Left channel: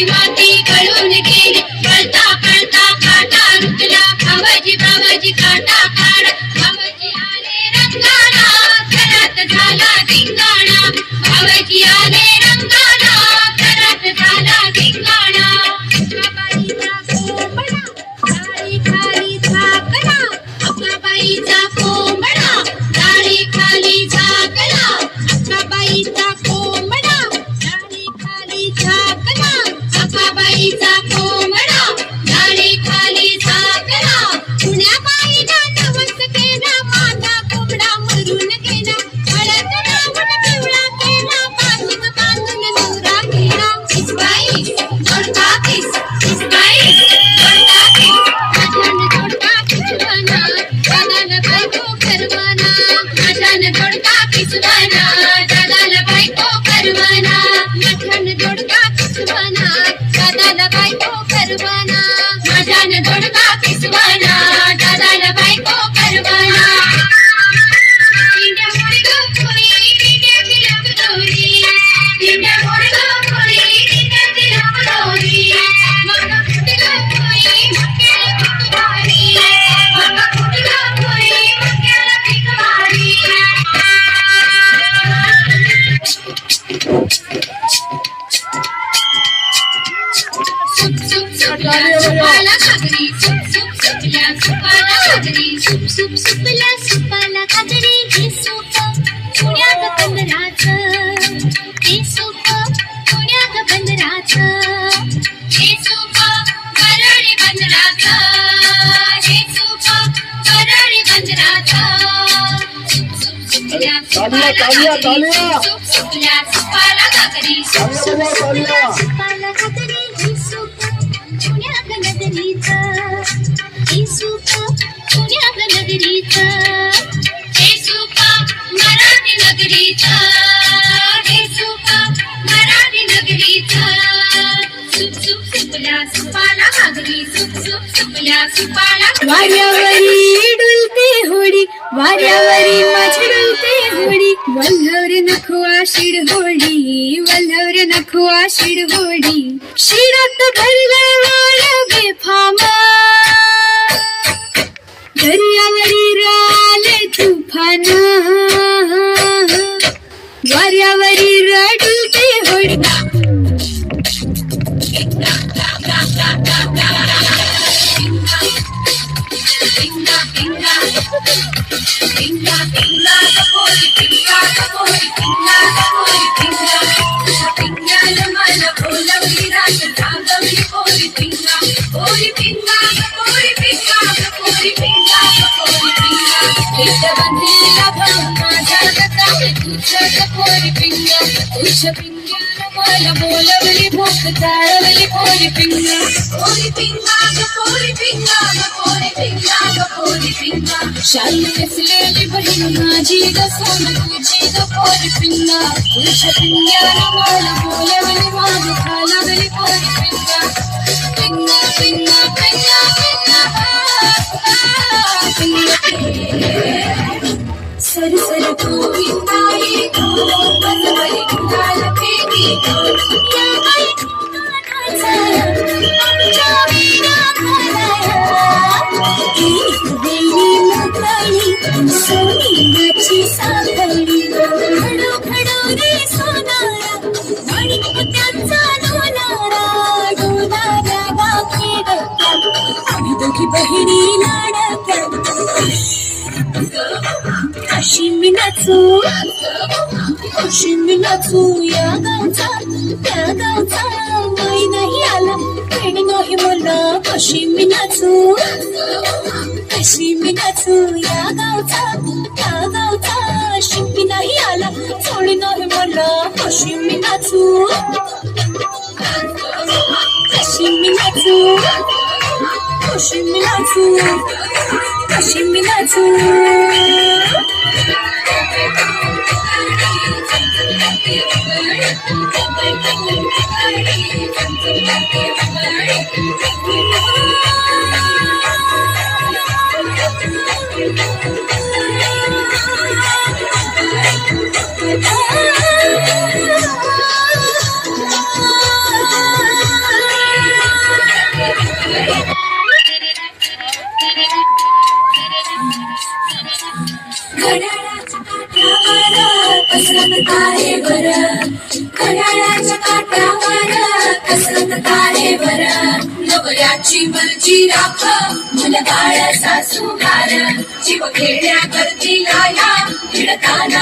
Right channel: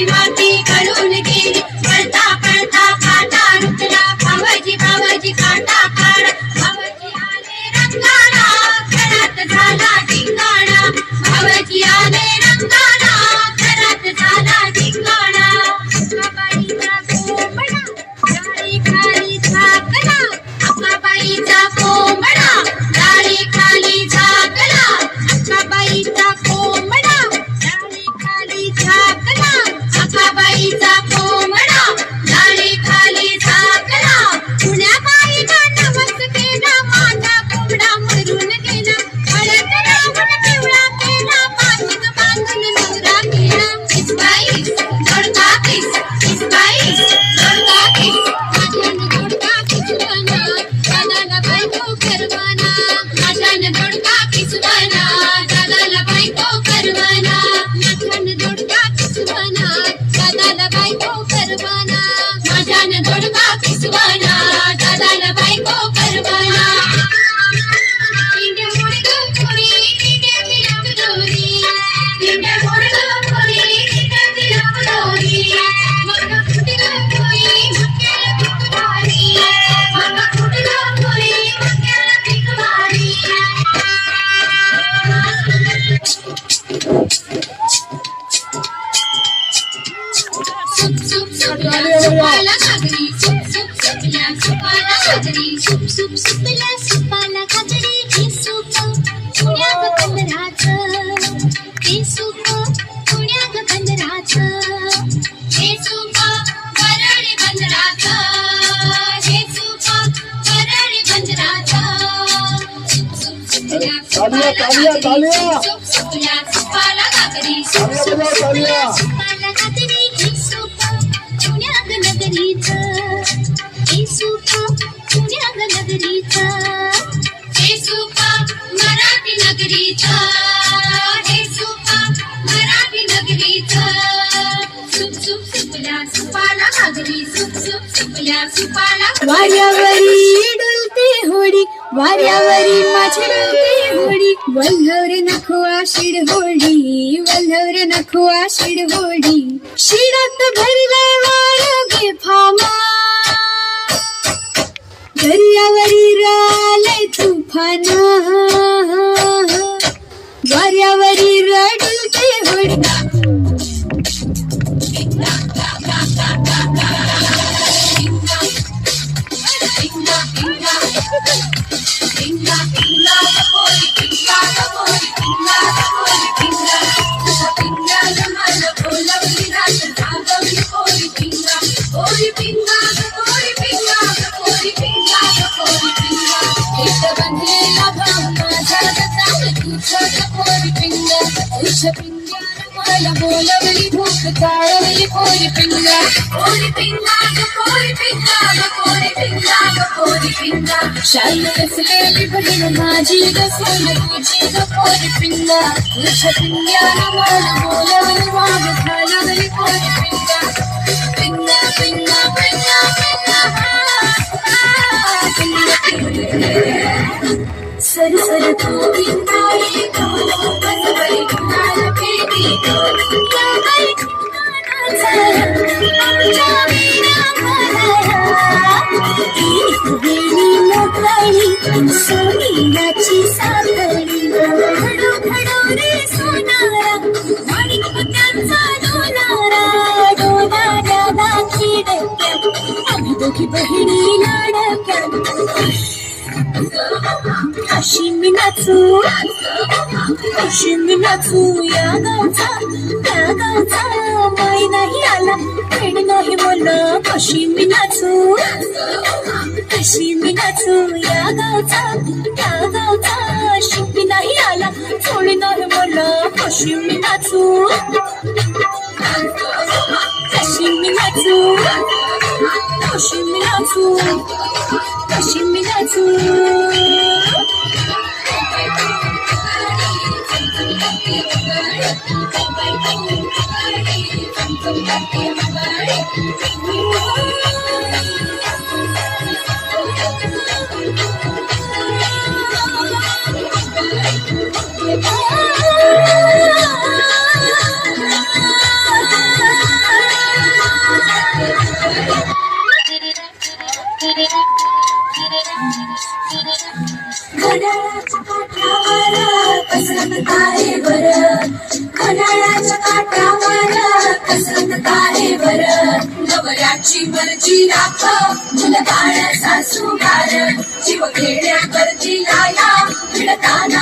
climática काजरी सुप सुप सुपला सुपाला काजरी हे सुप पुण्यात बंदराच हे सुप पुण्यात बंदराच हे सुप परळी बंदराच हे सुप परळी बंदराच तालिया तालिया तालिया सुपला सुपाला काजरी सुप सुपला सुपाला काजरी हे सुप पुण्यात नगरीच हे सुप वाऱ्यावरी डुलते होळी वाऱ्यावरी माझी डुलते होळी। वल्हवर नखवा शिड होळी वल्हवर नखवा शिड होळी। शिडात भरला वाया ഐശ്വര്യമല പോലവളി പോക്ക് താഴവലി കോരി പിങ്ക കോരി പിങ്കാക കോരി പിങ്കാക കോരി പിങ്കാക കോരി പിങ്ക ശാലിസിലേലി ബഹിന മാജീക സോന പൂജീക കോരി പിങ്ക ഐശ്വര്യമല പോലവളി വാഗ കാല दोघी बहिणी लाडक्या. अशी मी नाचू. Şimdi natsu ya ganta ya ganta Mai nahi ala pedi nahi mola Koshimi natsu Koshimi natsu ya ganta ya ganta Shimmi nahi ala thodi nahi mola Koshimi natsu Koshimi natsu Koshimi natsu नाचू कसरत आहे बरं. घड्याळाच्या काठावर कसरत आहे बरं. नवऱ्याची मर्जी राख मुलं बाळ सासू गार जीव खेड्या करती लाया भिडताना